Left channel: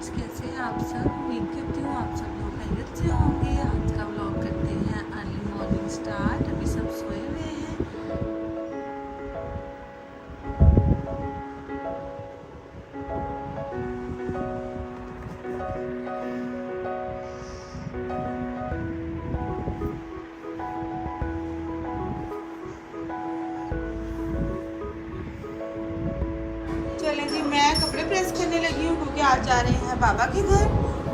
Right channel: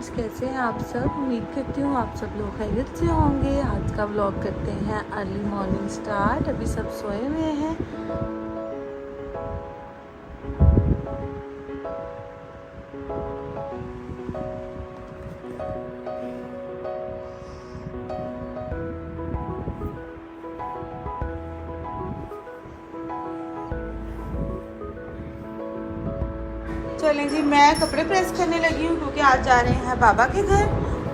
Friends, कैसे हैं आप सब। उम्मीद करती हूँ आप सब लोग खैरियत से होंगे। आज का व्लॉग करते हैं अर्ली मॉर्निंग स्टार्ट। अभी सब सोए हुए हैं। चलें जी, मैं कपड़े प्रेस करने लगी हूँ क्योंकि आज जा रहे हैं बाबा के घर।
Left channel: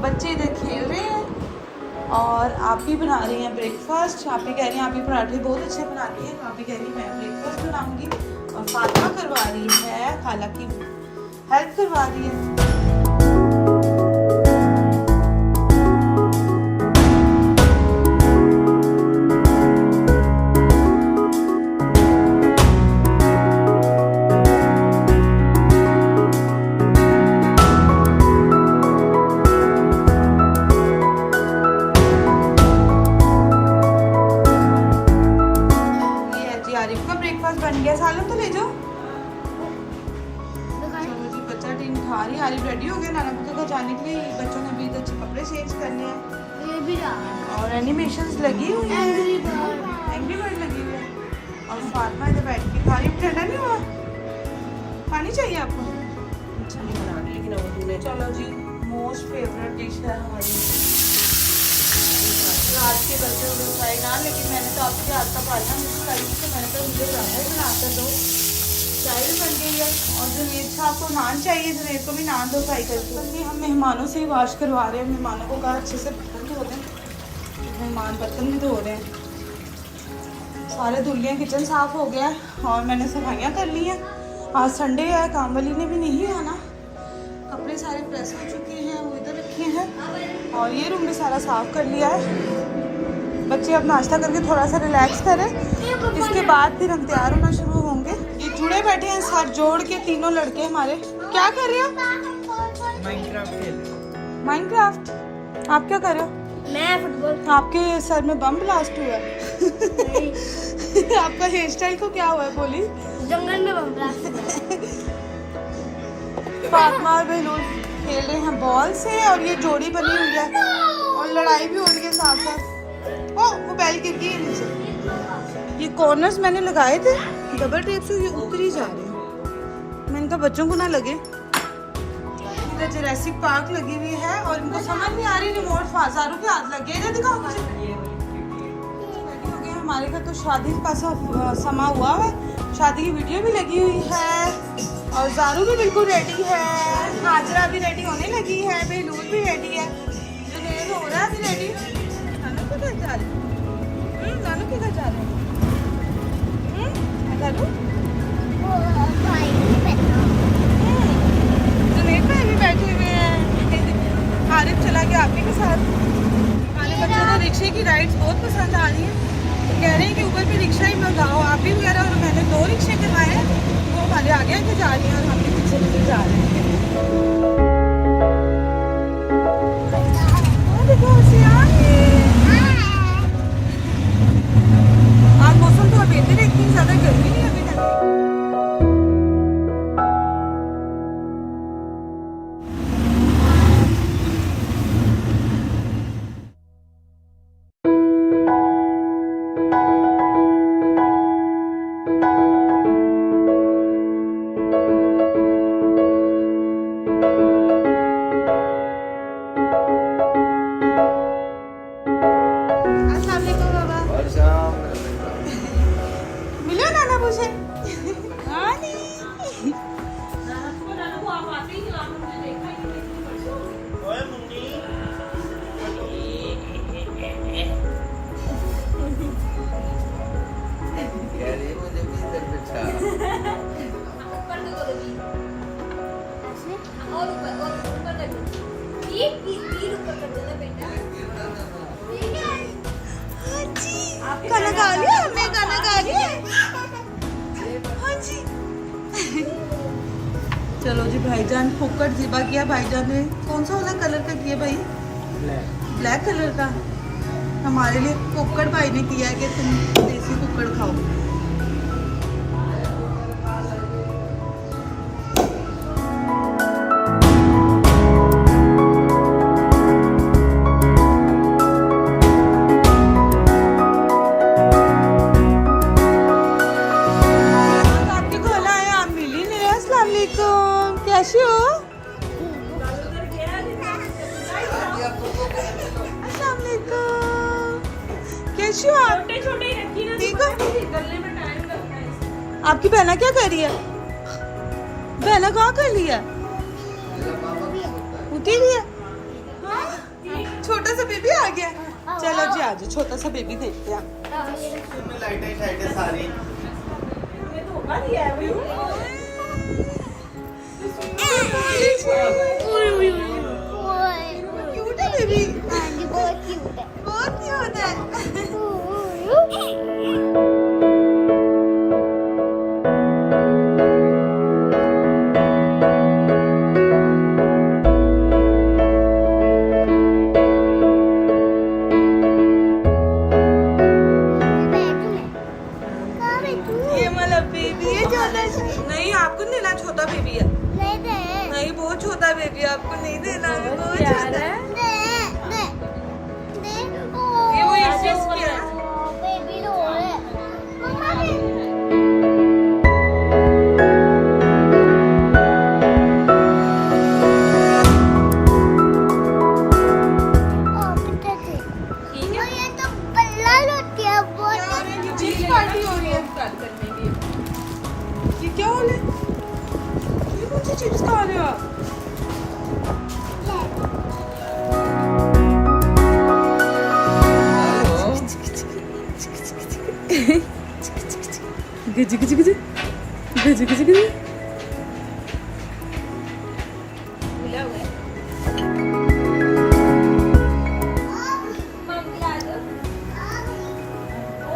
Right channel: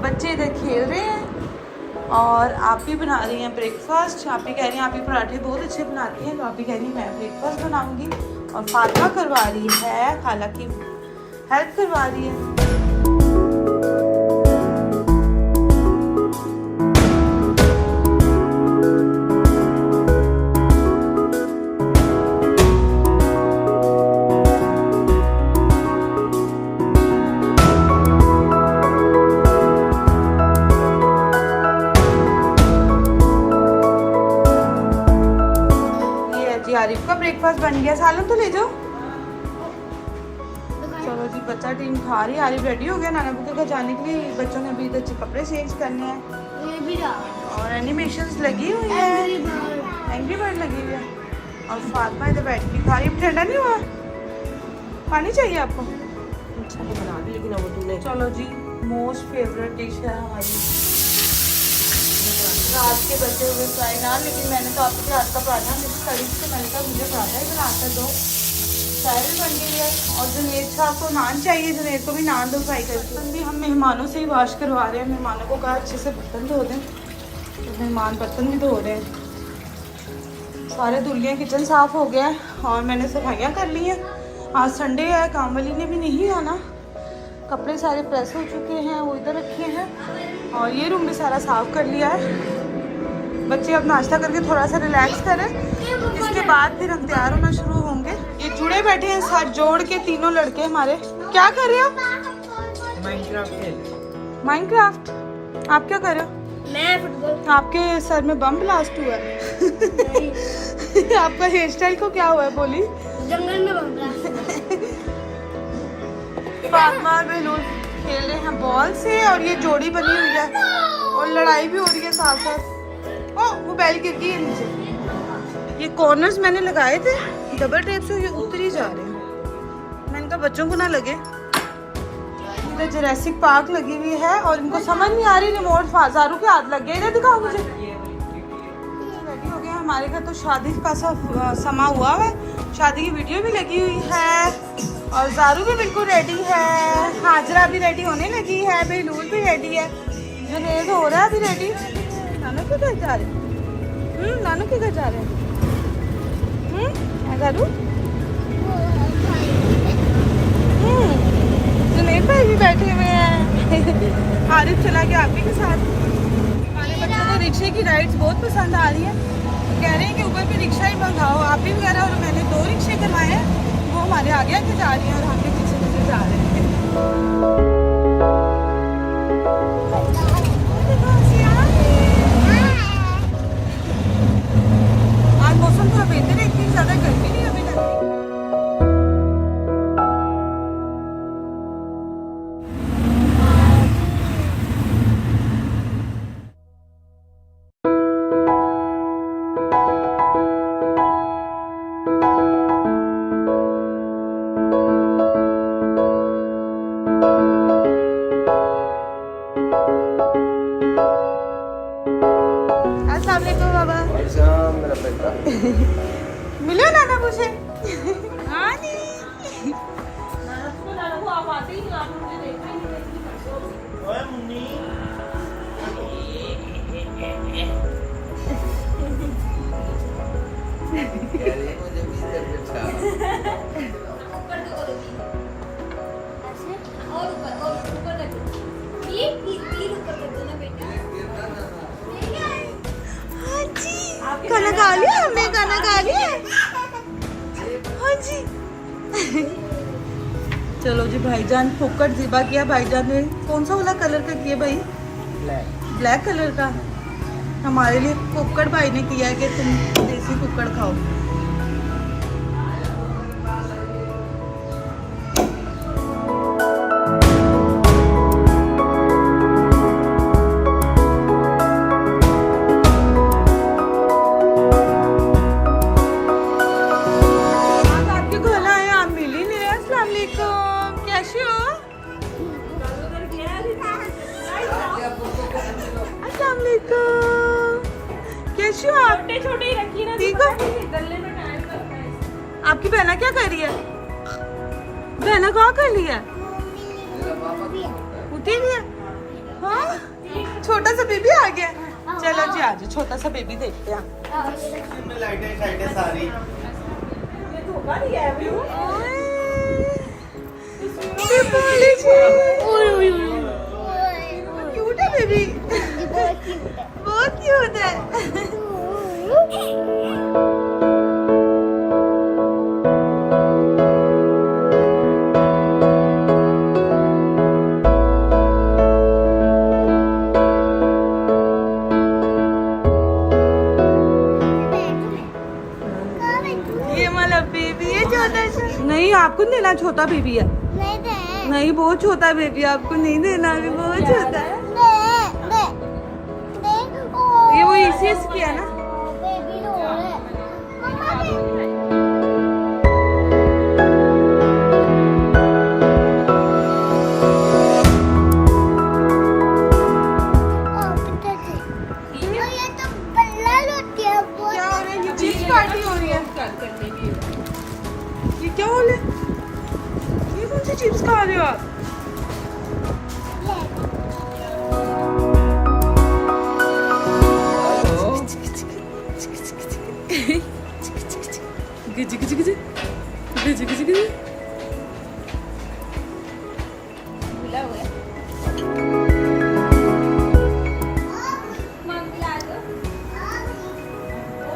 बच्चे इधर खेल रहे हैं और आप भी बना रही हैं ब्रेकफास्ट। आप भी कह रही हैं आप भी पराठे बहुत अच्छे बनाती हैं, तो आप भी कह रही हैं मैं ब्रेकफास्ट बनाऊंगी। और फातिमा करवा रही है, खाला की हेल्प करवा रही है। आरिफ का ब्रेकफास्ट बन गया। सालन तो ले जाओ। चलो जी, बच्चा टीम खा रही है। आरिफ रेडी हो गया नाना के घर जाने के लिए। बच्चों ने अभी अच्छे कपड़े चेंज करने हैं और एनिमेशंस लगी हुई है, एंग्री बर्ड लगी हुई है। और फातिमा इधर बैठ के खा रही है। ठंडा नहीं हुआ? पानी चाहिए आपको? चलो जी, मोस्ट फेवरेट डिश है हमारी रात के बचे हुए फ्राई नान। लेकिन मैंने तो आपके हाथ का पराठा मिक्स करी थी, मैंने कहा मुझे पराठा ही बनाकर दो। फ्राई भी बन गई है। और जुनेद साहब को नान चाहिए, जुनेद को भी नान दो फ्राई करके। हम मेहमानों से ही वाश करवा रहे हैं। मेहमानों को कहा अच्छे से बर्तन धो दें, मेहमान बर्तन भी धो रहे हैं। सारे धुल गए, किचन साफ हो गया और मैंने सफाइयाँ कर ली हैं। आज संडे है, काम वाली ने भी नहीं आना। कपड़े सारे प्रेस हो चुके हैं, वो इधर रखे हैं। और ये रूम भी सारा साफ कर लिया है। बच्चे अब नाश्ता करके थोड़ा सा रिलैक्स करें, इसके बाद फिर हम तैयार होना शुरू होंगे। ये जुड़े बैठे हैं साथ जोड़ के, तीनों लड़के हमारे। क्या कर रहे हो? माइनक्राफ्ट खेल रहे हो। माइनक्राफ्ट? आप क्या कर रहे हो? मैं फुटबॉल। आपके सर में बम ब्लास्ट हुआ है? आपका हेयर स्टाइल को क्या हुआ है? बोली। जंगल में बम ब्लास्ट हुआ। फातिमा और बहलूल खेल रहे हैं बॉल से और ये जोड़ी बनी हुई है और लड़ाई भी हो रही है साथ साथ। ओ, वो बैल गिर गई है नीचे। ये कॉर्नर्स मैंने लगाए थे डबल टेप से, ये उतर ही जा रहे हैं। मैंने कहा बच्चों को ना लगे। इधर जुरासिक पार्क लगी हुई है और इनको समझ नहीं आ रही रिमोट फाजारू के हाथ लग गए। इधर दिखाओ मुझे। रेडी हो गया। हमारे घर तो शादी का समा हुआ है, शादी की वीडियो भी लगी हुई है और जारू भी बिल्कुल रेडी है। हाजरा भी रेडी होने लगी है, बेलूल भी रेडी है, जुनेद हो रहा है अभी रेडी। नानू के घर जा रहे हैं? नानू के घर जा रहे हैं? जारू जुनेद भाई भी बैठे हुए हैं। आरिफ चला गया आपके के साथ। हमारे बच्चों को रिक्शे की राइड्स बहुत पसंद आ रही है। कह रहे हैं कि ऊपर से रिक्शा ही मंगाओ। आप भी वगैरह, और मैंने 2 रिक्शे करवाए हैं, वो हमारे आगे आगे जा रही हैं और हम भी पीछे पीछे जा रहे हैं। आज मौसम थोड़ा बेहतर है, इतनी ज्यादा गर्मी नहीं अभी तक। मिलो नाना मुझे। हाँ जी। नाना को आप आते ही नहीं, आप मुझे देखा ही खाना खा लिया हमने, खाना खा लिया। हाँ जी। चलो जी, भाईजान फुक्कड़ ज़िबा किया। भाईजान ने कौन सा वाला कलर का किया भाई? ब्लैक कलर का। हमारे लिए फुक्कड़ भाई ने किया है कि तुम देसी फुक्कड़ खाओ। वालेकुम, कैसी हो आप? छोटे छोटे ही रखी ना, ठीक हो? गले में टाइम लगता है। आपकी बहना क्या कर रही है? बहना कहाँ कर रही है? उठी रही है? हाँ? छोटा सा बेबी आ गया। चलो जी आ जाओ, छोटा सा बेबी देखते हैं। इसमें लाइटें शाइटें सारी। ये धोखा दिया है अभी। क्यूट है बेबी, बहुत क्यूट है। बहुत क्यूट है। ये वाला बेबी है छोटा सा। नहीं आपको नहीं देना, छोटा बेबी है। नहीं दे, नहीं बहुत छोटा बेबी, आपको नहीं देना, ये बहुत छोटा है। दे, दे, दे। ये वो इसीएस किया है। बेबी रो रहा है। मम्मा दे। ओ बेटा दे। और ये तो बल्ला रोटी है बहुत। क्या हो रहा है? ये चिप्स पार्टी हो रही है। ये क्या हो रहा है? ये कौन सी चिप्स खा रहे हो आप?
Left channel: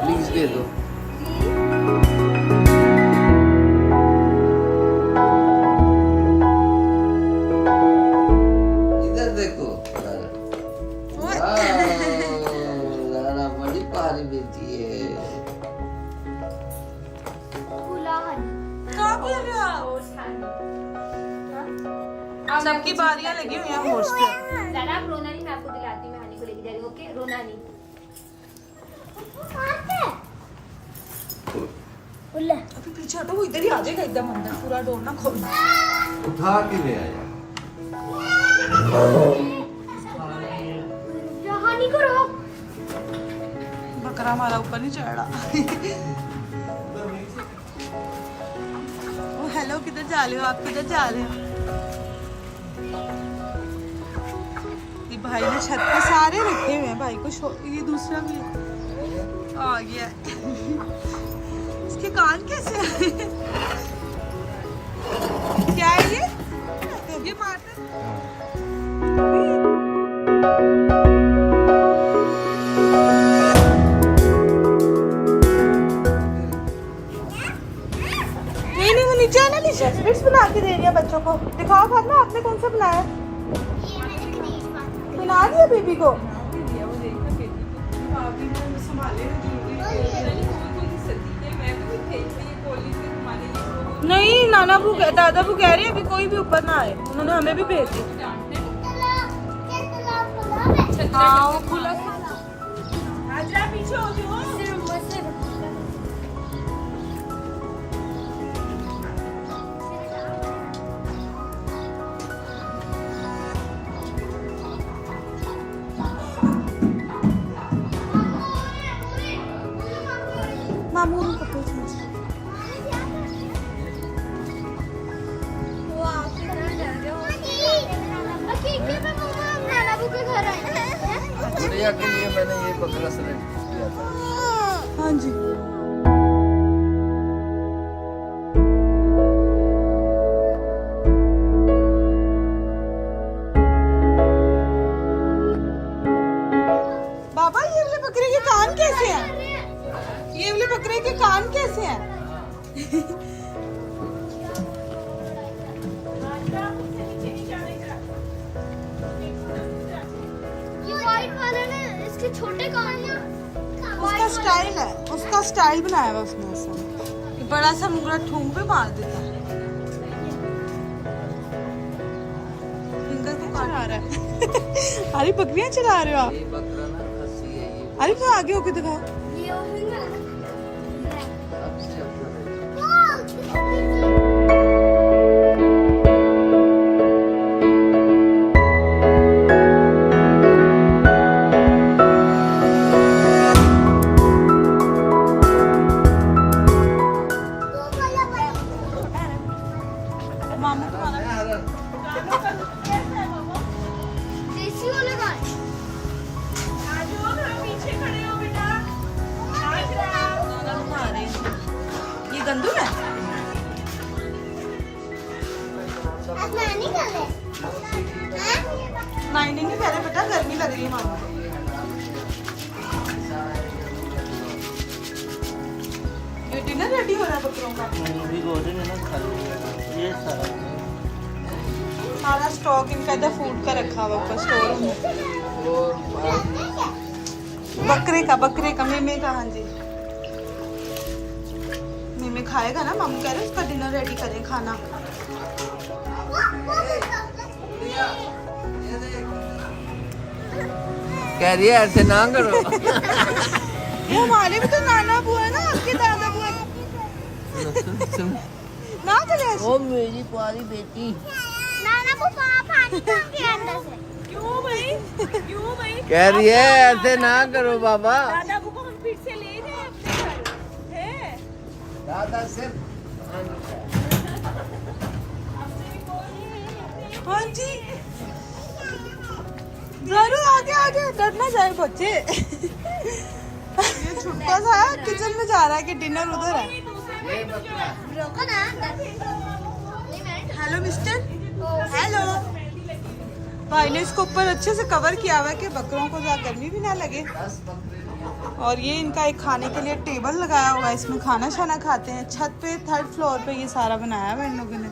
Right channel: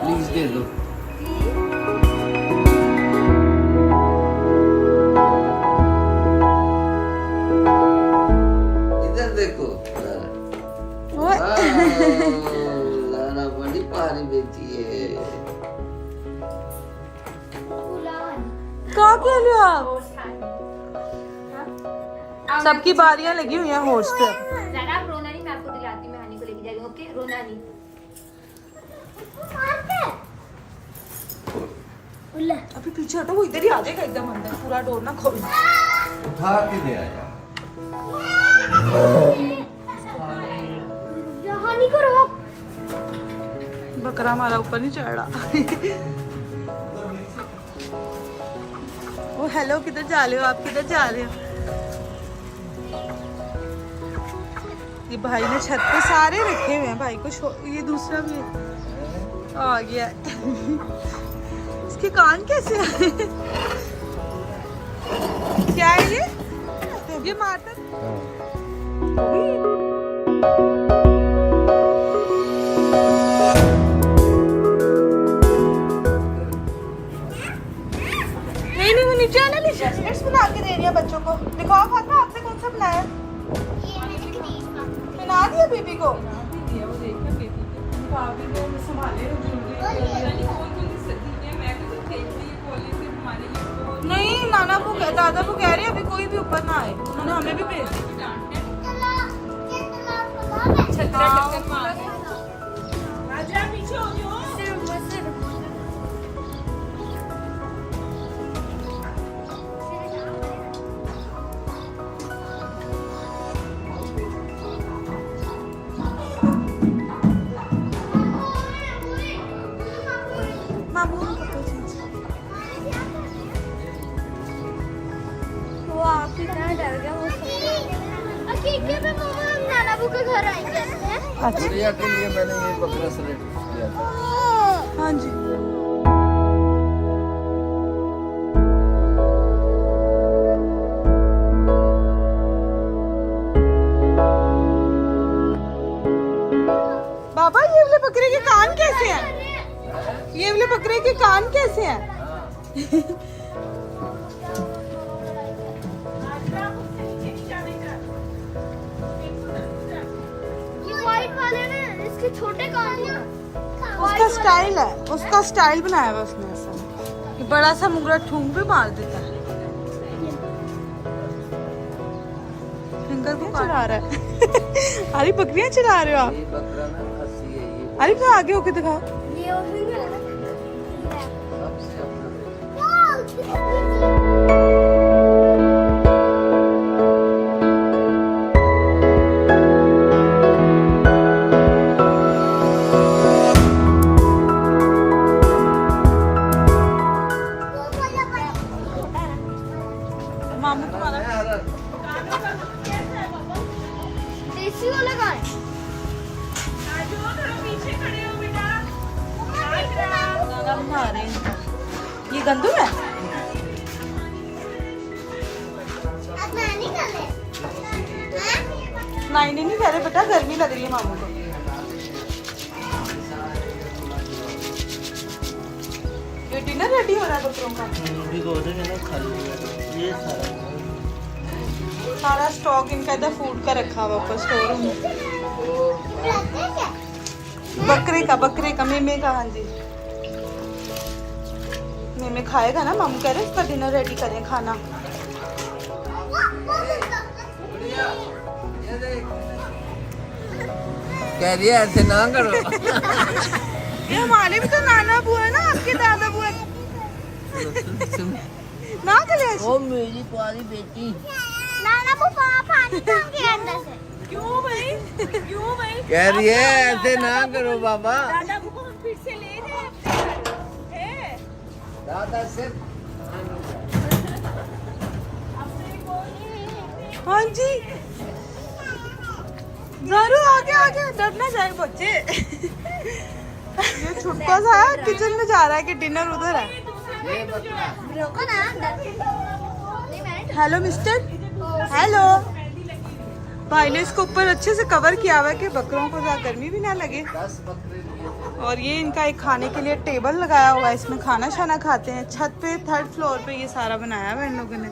प्लीज दे दो। इधर देखो लाना बड़ी प्यारी बेटी है। कहाँ खेल रहे हो आप? सबकी बारियां लगी हुई हैं हॉर्स पे। ज़्यादा आप रोना नहीं, मैं आपको दिलाती हूँ, मैं हनी को लेके जा रही हूँ, ओके? रोना नहीं। अभी पीछे हटो, वो इधर ही आ जाएगा एकदम अंदर, पूरा डोर ना खोलना। उठा के ले आया। हानि करो। बकरा हमारा ऊपर नहीं चढ़ रहा। ओ हेलो, किधर जा रहे हो आप? किधर जा रहे हो? ये भाई ने छत पे सारे रखे हुए हैं, भाई को ये दूसरा भी आ गया है। इसके कान कैसे आए? क्या है ये मारता नहीं, वो नीचे आना, नीचे स्किट्स बना के दे रही है बच्चों को। दिखाओ भावना, आपने कौन सा बनाया? बना दिया बेबी को। नहीं, नाना को दादा को कह रही है अभी कोई भी ऊपर ना आए, उन्होंने हमें भी भेज दिया। पीछे हो गए। मामू को पकड़ो। गुड़िया के लिए मैंने ये बकरा सेलेक्ट किया था। हाँ जी। बाबा ये वाले बकरे के कान कैसे हैं? ये वाले बकरे के कान कैसे हैं? इसके छोटे कान हैं। उसका स्टाइल है, उसका स्टाइल बनाया हुआ उसने ऐसा। ये बड़ा सा मुगरा ठूंग पे मार देता है। फिंगर को चला रहा है। अरे बकरियां चला रहे हो आप? ये बकरा ना खस्सी है ये। अरे तो आगे होके दिखाओ। गंदम है? अब नानी कर ले नाइने नहीं कह रहे बेटा, गर्मी लग रही है मामू को। ये डिनर रेडी हो रहा है बकरों का। भिगो देंगे ना, खाली ये सारा स्टॉक इनका इधर फूड का रखा हुआ ऊपर स्टोर रूम में। बकरे का मेमे का। हाँ जी, मेमे खाएगा ना, मामू कह रहे उसका डिनर रेडी करें खाना। कह रही है ऐसे ना करो। ये हमारे भी तो नाना बुआ है ना, आपके दादा बुआ ना चले। ओ मेरी प्यारी बेटी, नाना वो पानी के अंदर से क्यों भाई? क्यों भाई? कह रही है ऐसे ना करो बाबा। दादा को हम फिर से ले जाए हैं? दादा से हाँ जी, जरूर आगे आगे, डरना जाए बच्चे। ये छुटका सा किचन में जा रहा है कि डिनर उधर है। रोको ना हेलो मिस्टर, हेलो। भाई ने इसको ऊपर अच्छे से कवर किया हुआ है कि बकरों को ज्यादा गर्मी भी ना लगे। और ये इनका एक खाने के लिए टेबल लगाया हुआ है, इसमें खाना शाना खाते हैं। छत पे 3rd फ्लोर पे ये सारा बनाया हुआ है इन लोगों ने।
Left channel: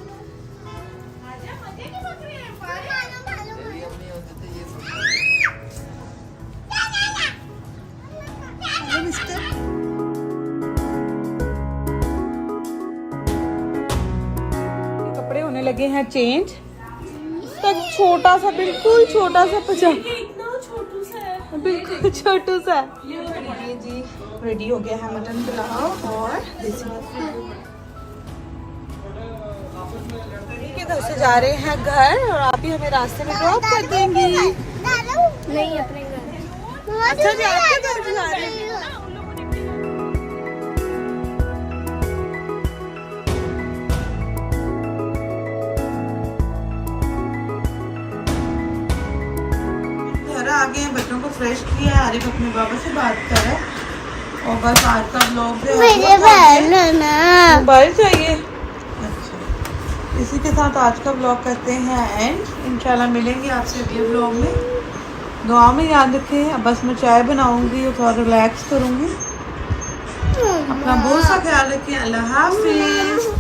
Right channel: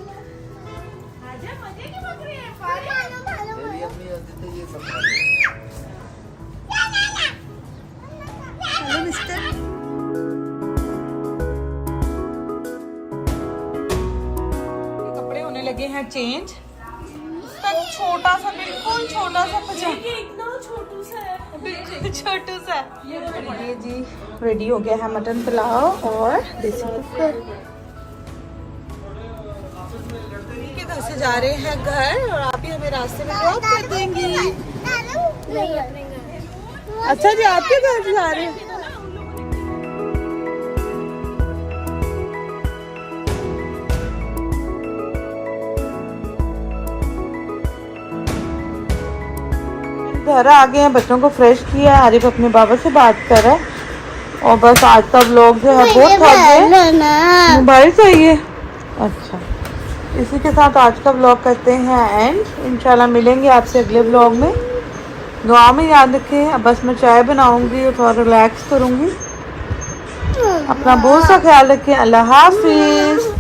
Hello mister. कपड़े होने लगे हैं चेंज। इसका छोटा सा, बिल्कुल छोटा सा पजामा, इतना छोटू सा है। बिल्कुल छोटू सा। ये जी रेडी हो गया है मटन पुलाव और देसी कुकर। के घर से जा रहे हैं घर और आप ही हमें रास्ते में ड्रॉप कर देंगे। नहीं अच्छा जी, आपके घर से जा रहे हैं। घर आ गए हैं, बच्चों को फ्रेश किया है। आरिफ अपने बाबा से बात कर रहा है। और बस आज का व्लॉग जो है वो मोबाइल चाहिए। अच्छा, इसी के साथ आज का व्लॉग करते हैं एंड। इंशाल्लाह मिलेंगे आपसे अगले व्लॉग में। दुआ में याद रखें। अब बस मैं चाय बनाऊंगी और थोड़ा रिलैक्स करूंगी। अपना बहुत सा ख्याल रखें। अल्लाह हाफिज।